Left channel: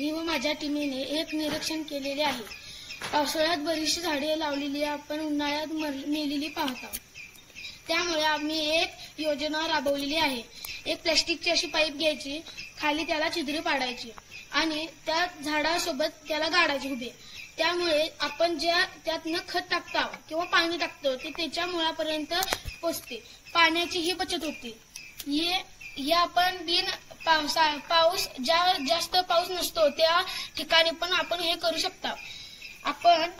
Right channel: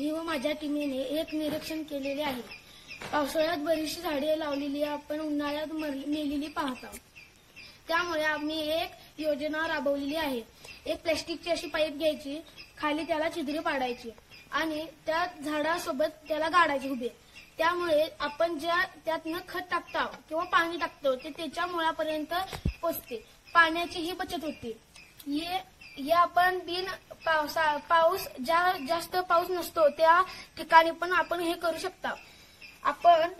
मी व माझ्या टीमेने एक निरीक्षण केलेले आहे. पावसाळ्यात बरीचशी झाडे लावलेली आपण उन्हाळ्यात मेलेली पाहत आहोत. त्यामुळे आम्ही एक योजना राबवलेली आहे. एक प्लॅस्टिकची अशी पाईप घ्यायची, खाली त्याला छिद्रे पाडायची आणि त्या झाडासोबत त्याला गाडायची उभे. त्यामुळे आपण ज्या त्यातनं खत टाकतो किंवा पाणी टाकतो ते त्याच्या मुळापर्यंत पोचते. पाण्याचीही बचत होते. हे आपण पाऊस ज्या जास्त पाऊस नसतो त्या ठिकाणी पण आपण हे करू शकता. आपण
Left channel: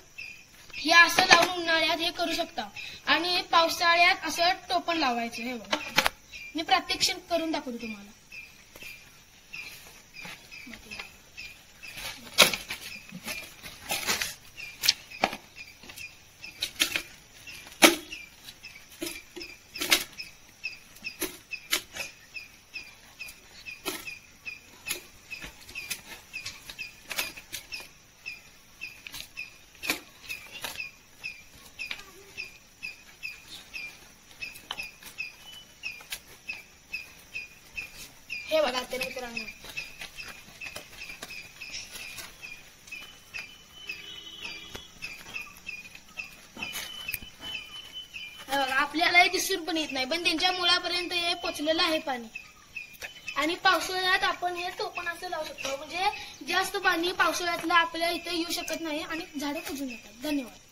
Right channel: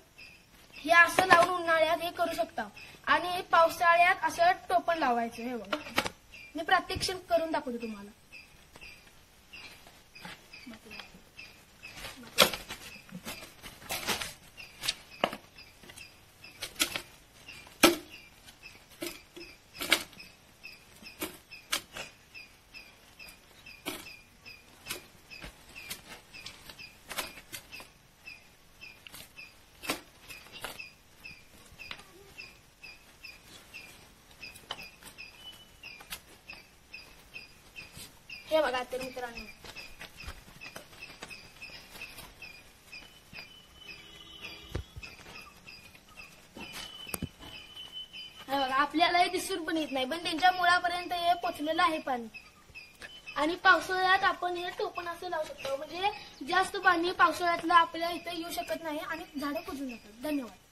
हे असं लावून उन्हाळ्यात हे करू शकता आणि पावसाळ्यात असं टोपण लावायचं. हे बघा, मी प्रात्यक्षिक करून दाखवतो तुम्हाला. हे बघा तर मित्रांनो, आपल्यालाही दिसून पण येत नाही, पण त्यांच्या मुळापर्यंत हे पोचलेलं आहे पाणी. आणि पावसाळ्यात आपण हे टोपण असं लावू शकतो, म्हणजे जास्त पाणी पावसाळ्यातलं आपल्या इथं येऊ शकत नाही आणि झाडं कुजून येतात. धन्यवाद.